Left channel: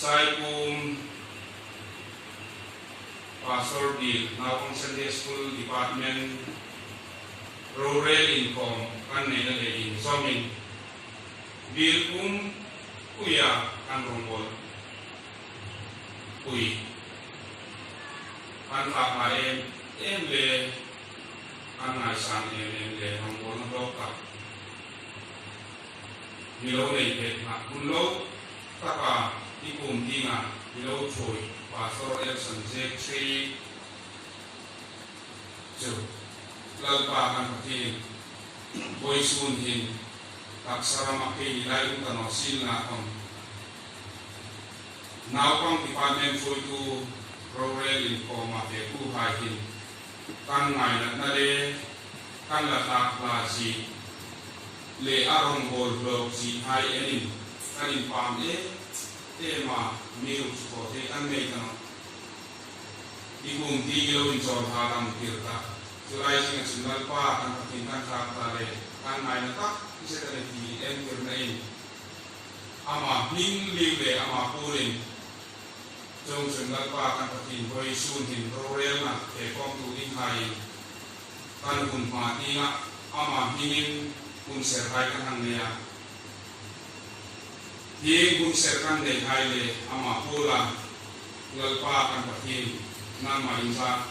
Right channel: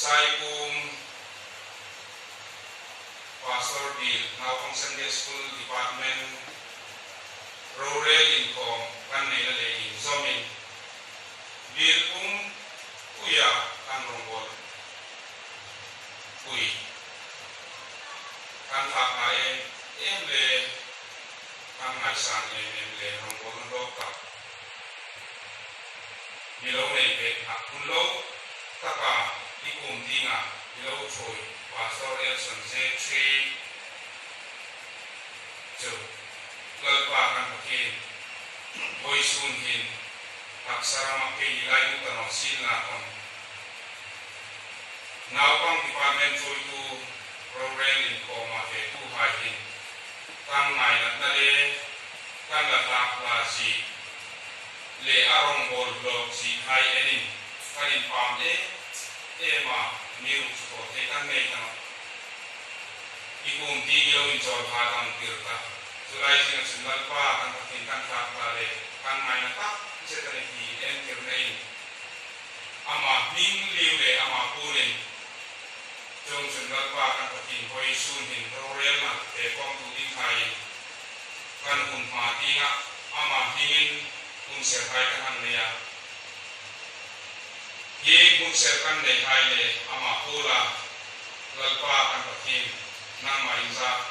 sai kum Pastor Bill now pang Sunday School Department rural income kan nila leading zomin Bill kuya kan rongol kui kan tak lain le kan ngai sang le rongol ndoka Bilo nei pe na kulo taka ikum dinga bilo choi Pastor Elson Z3 jo lalpa kan pakin boy sun hin taksara makai nilai utano sin na kon now pang department choi tu rural income ate tu hai hin kan ngai na le kan la ta la si le arong bol blok si hai enin kain pam ma miu ko te kan nei kan ikum di lo in chol hadam tirta sulai sing sinal pa kan pakin kan kha le kan mai na ta se ta ni en kir nei ama ning liu le ama purin jong sinal pa kan pakin hoi sun hin rorel na te kong tu ding hai kan hun ma tinga ama hingin kun serkai kan hangnya ye kun serkan dei hai le ama pula lalpa kan pakin nama insa